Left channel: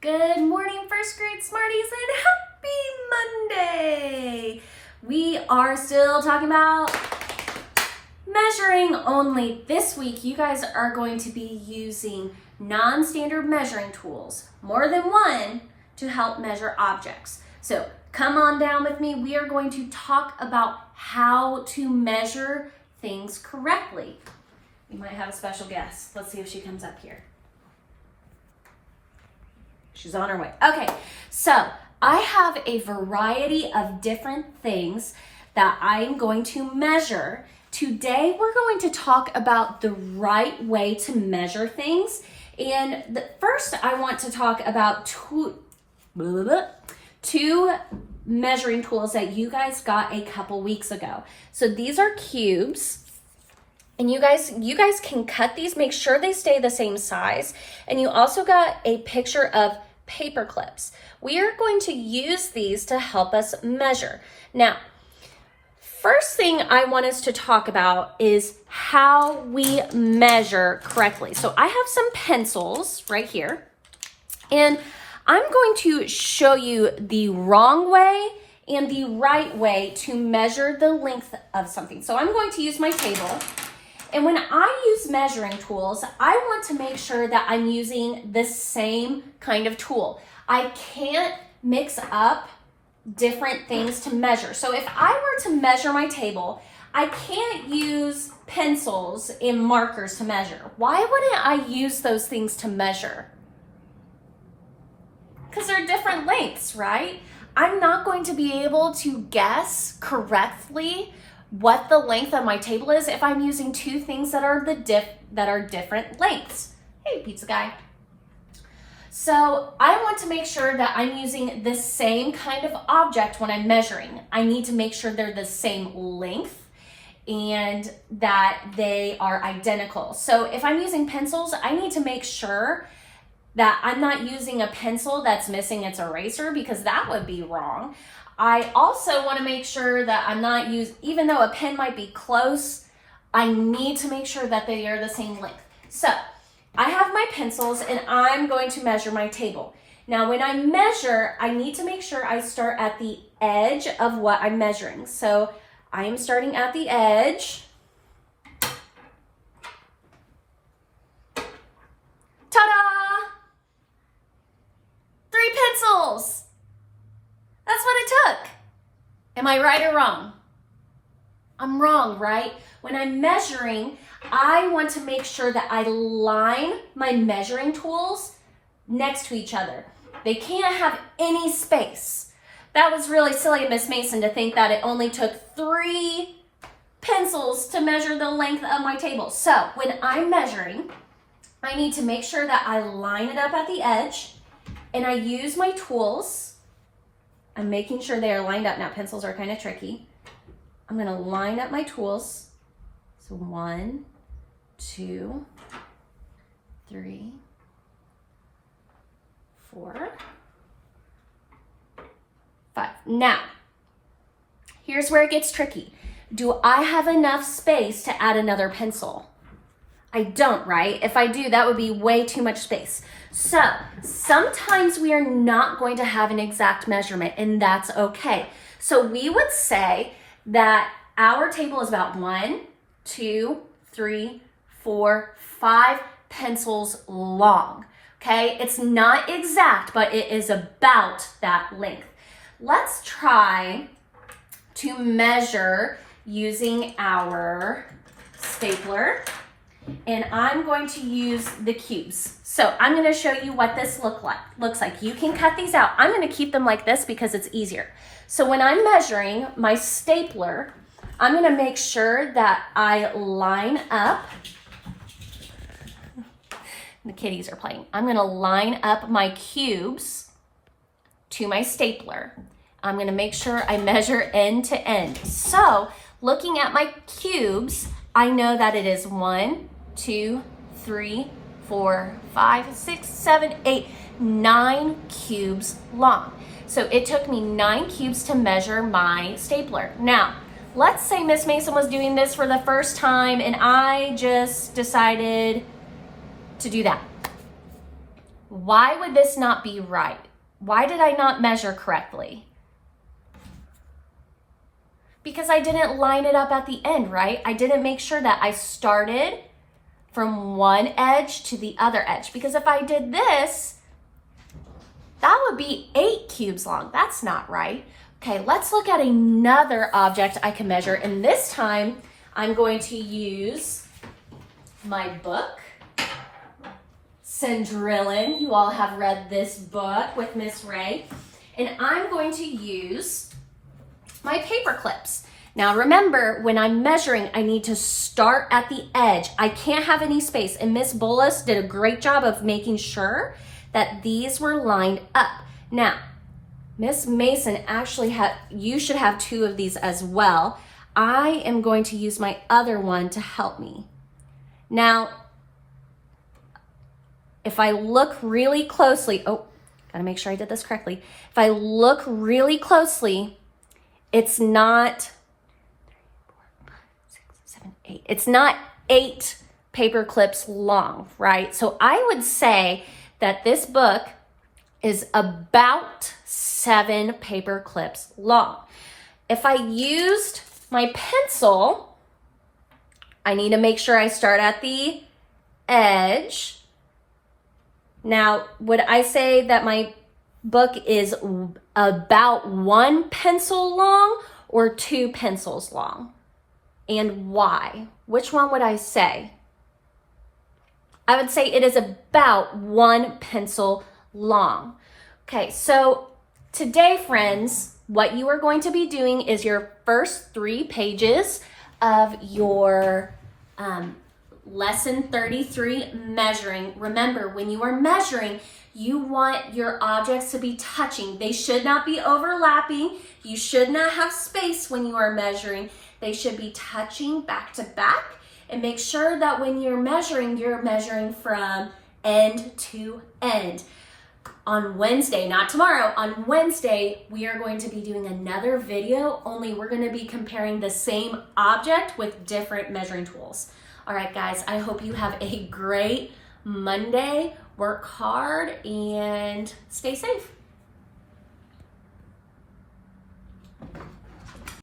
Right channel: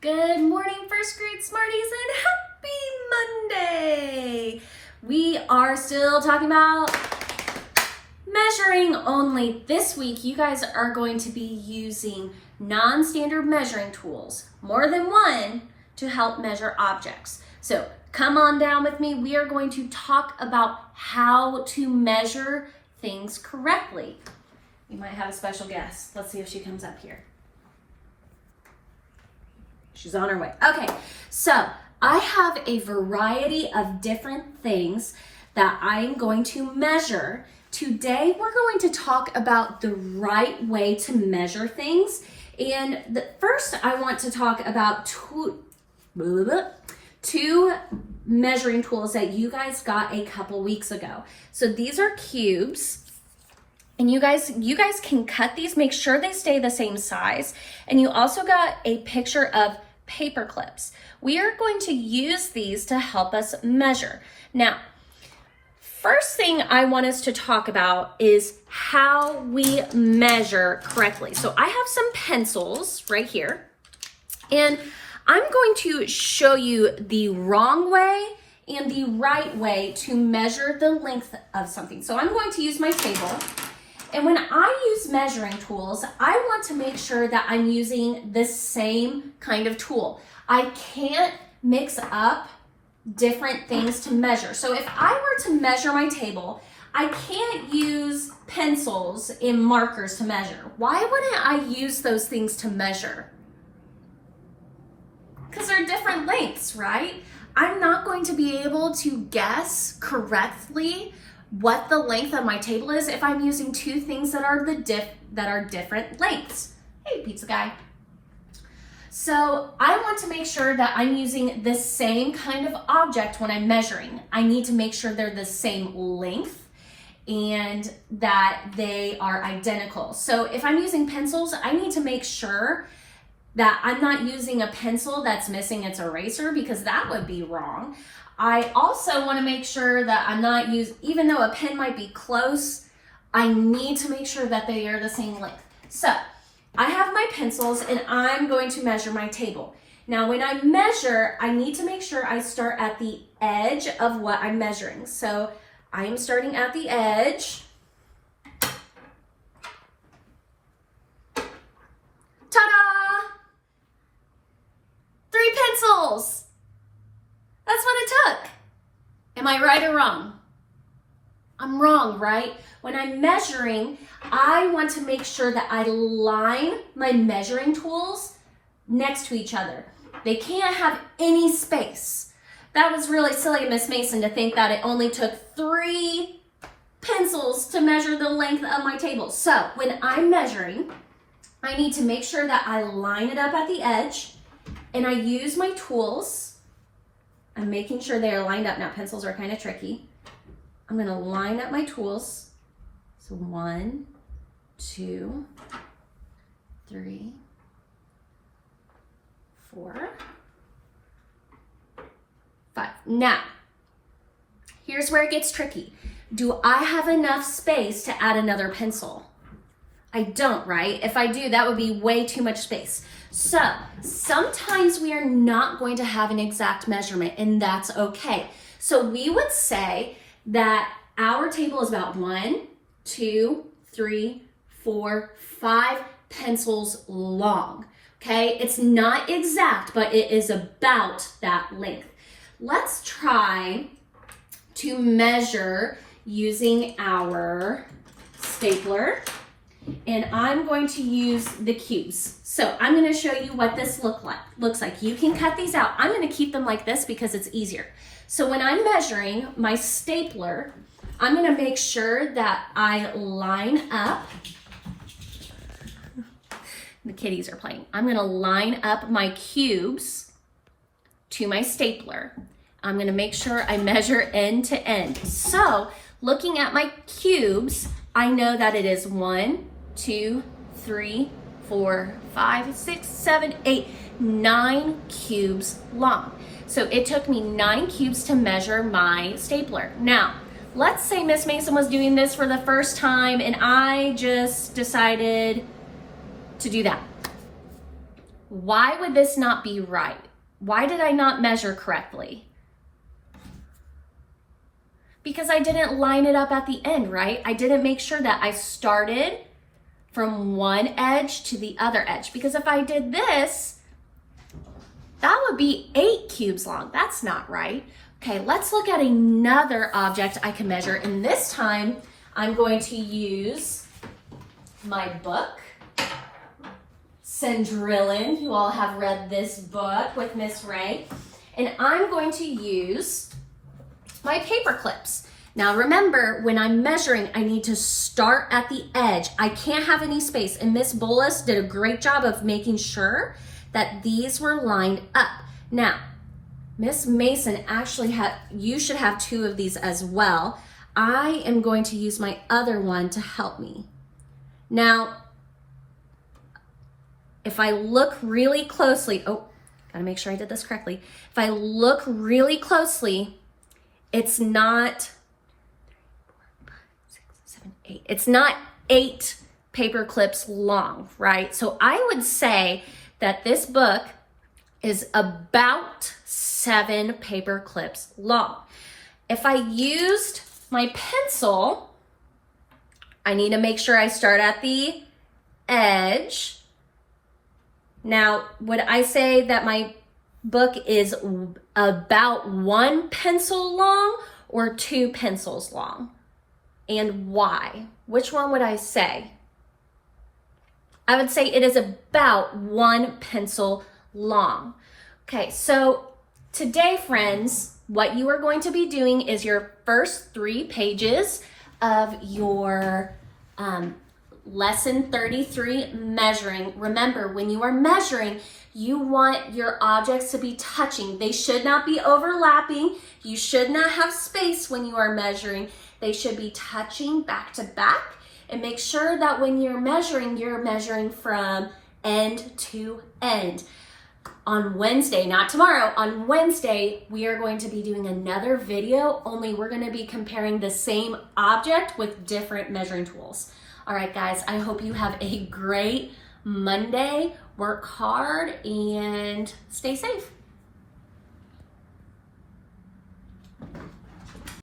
Good morning, first grade Smarties, and happy Monday! We are still talking about measuring only. This week, you guys are going to be using non-standard measuring tools, more than one, to help measure objects. So come on down with me. We are going to talk about how to measure things correctly. We might have a special guest. Let's see if she comes up here. She's on her way. Okay, so I have a variety of different things that I'm going to measure. Today, we're going to talk about the right way to measure things. And first, I want to talk about two measuring tools that you guys got a couple weeks ago. So these are cubes. And you guys can cut these, make sure they stay the same size. And you also got a picture of paper clips. We are going to use these to help us measure. Now, first thing I want us to talk about is how we measure correctly. So I have some pencils right here, and I'm going to show you the wrong way and the right way to measure the length of something. So I'm going to use my table. And when I use measuring tools, I want to make sure that I'm using the same kind of tool. I can't mix up different things to measure. So if I were to measure my table, I can't use pencils and markers to measure. Why wouldn't I use those things to measure? Because they're different lengths, right? I'm not going to be able to guess correctly what the length of my table is if I'm using two things that are different lengths. Hey, pizza guy. So I want to make sure that I'm using the same kind of object when I'm measuring. I need to make sure they're the same length and that they are identical. So if I'm using pencils, I need to make sure that I'm not using a pencil that's missing its eraser, because that would be wrong. I also want to make sure that I'm not even though a pen might be close, I need to make sure that they are the same length. So I have my pencils and I'm going to measure my table. Now when I measure, I need to make sure I start at the edge of what I'm measuring. So I am starting at the edge. Ta-da! 3 pencils. That's what it took. Am I right or wrong? I'm wrong, right? When I'm measuring, I want to make sure that I line my measuring tools next to each other. They can't have any space. That was really silly of Miss Mason to think that it only took 3 pencils to measure the length of my table. So when I'm measuring, I need to make sure that I line it up at the edge and I use my tools. I'm making sure they are lined up. Now, pencils are kind of tricky. I'm going to line up my tools. So 1, 2, 3, 4, 5. Now, here's where it gets tricky. Do I have enough space to add another pencil? I don't, right? If I do, that would be way too much space. So sometimes we are not going to have an exact measurement, and that's okay. So we would say that our table is about 1, 2, 3, 4, 5 pencils long. Okay, it's not exact, but it is about that length. Let's try to measure using our stapler. And I'm going to use the cubes. So I'm going to show you what this looks like. You can cut these out. I'm going to keep them like this because it's easier. So when I'm measuring my stapler, I'm going to make sure that I line up. The kitties are playing. I'm going to line up my cubes to my stapler. I'm going to make sure I measure end to end. So looking at my cubes, I know that it is 1, 2, 3, 4, 5, 6, 7, 8, 9 cubes long. So it took me 9 cubes to measure my stapler. Now, let's say Miss Mason was doing this for the first time and I just decided to do that. Why would this not be right? Why did I not measure correctly? Because I didn't line it up at the end, right? I didn't make sure that I started from one edge to the other edge. Because if I did this, that would be 8 cubes long. That's not right. Okay, let's look at another object I can measure. And this time, I'm going to use my book, Cinderella. You all have read this book with Miss Ray. And I'm going to use my paper clips. Now remember, when I'm measuring, I need to start at the edge. I can't have any space. And Miss Bolas did a great job of making sure that these were lined up. Now, Miss Mason actually you should have 2 of these as well. I am going to use my other one to help me. Now, if I look really closely, gotta make sure I did this correctly. If I look really closely, it's not 8. It's not 8 paper clips long, right? So I would say that this book is about 7 paper clips long. If I used my pencil, I need to make sure I start at the edge. Now, would I say that my book is about 1 pencil long or 2 pencils long? And why? Which one would I say? I would say it is about 1 pencil long. Okay, so today, friends, what you are going to be doing is your first 3 pages of your lesson 33, measuring. Remember, when you are measuring, you want your objects to be touching. They should not be overlapping. You should not have space when you are measuring. They should be touching back to back. And make sure that when you're measuring from end to end. On Wednesday, not tomorrow, on Wednesday, we are going to be doing another video, only we're going to be comparing the same object with different measuring tools. All right, guys, I hope you have a great Monday. Work hard and stay safe.